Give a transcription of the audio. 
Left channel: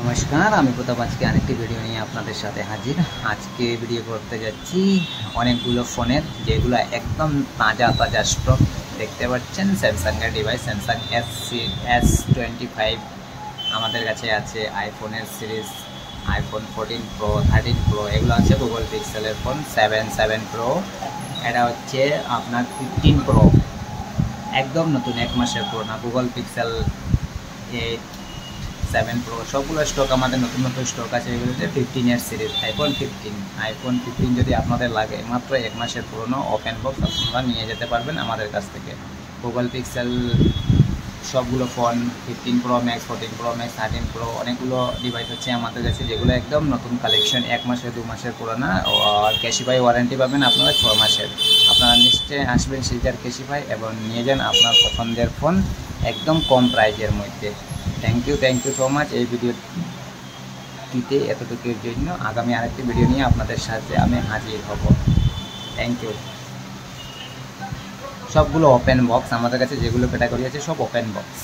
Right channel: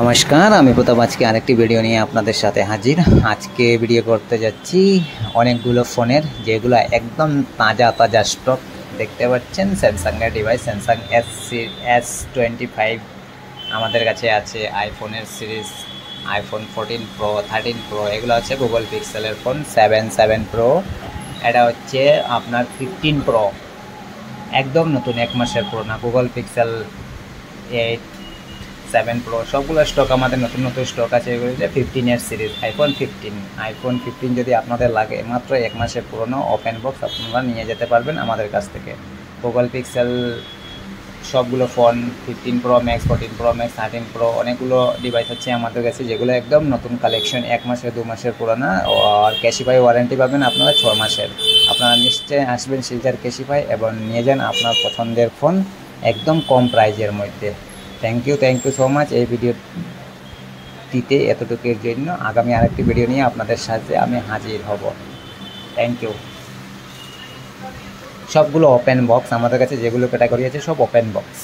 নমস্কার, আমি প্রতাপ আজকে আরেকটি ভিডিও নিয়ে আপনাদের সাথে হাজির। আজকে ভিডিও করতে যাচ্ছি অনেকগুলো ফোনের, যেগুলো একদম তাজা তাজা স্টক। দেখতে পাচ্ছেন স্যামসাংয়ের ডিভাইস, স্যামসাং S25 আমাদের কাছে আছে। আইফোনের সিরিজ আইফোন 14 প্রো, 13 প্রো, এগুলো আছে। গুগল পিক্সেলের ফোন 7 প্রো, এটা হচ্ছে আপনার 15 প্রো, একদম নতুন, 1 মাসের পুরোনো। গুগল পিক্সেল 8, 7 প্রো, সবগুলো স্টক আমাদের নতুন নতুন স্টক আছে। এগুলো হচ্ছে 15-এর সিরিজ আইফোন 15 যদি আপনাদের লাগে, মাত্র 1 মাসের পুরনো ওপেন বক্স আপনারা নিয়ে যেতে পারবেন আমাদের কাছ থেকে। গুগল পিক্সেল সবগুলো phone 15 pro max, 14 pro max, 13 pro, অনেকগুলো ডিভাইস হচ্ছে আমাদের কাছে, যেগুলো একদম নতুন কালেকশন, 1 মাসের 2 মাসের পুরোনো। আর ক্যাশিফাই ওয়ারেন্টি পাবেন আপনারা 6 মাসের। আপনারা নিশ্চয়ই আসবেন শিলচর ক্যাশিফাই এবং নিয়ে যান আপনার পছন্দের ফোন একদম কম প্রাইজের মধ্যে। থ্যাংক ইউ সো মাচ এই ভিডিওটিতে এতটুকুর জন্য। আগামী আরেকটি ভিডিও নিয়ে আপনাদের সাথে আমি হাজির হব। Thank you. সবগুলো ওপেন বক্স আমাদের কাছে, যেগুলো ক্যাটাগরি আছে সব ওপেন বক্স।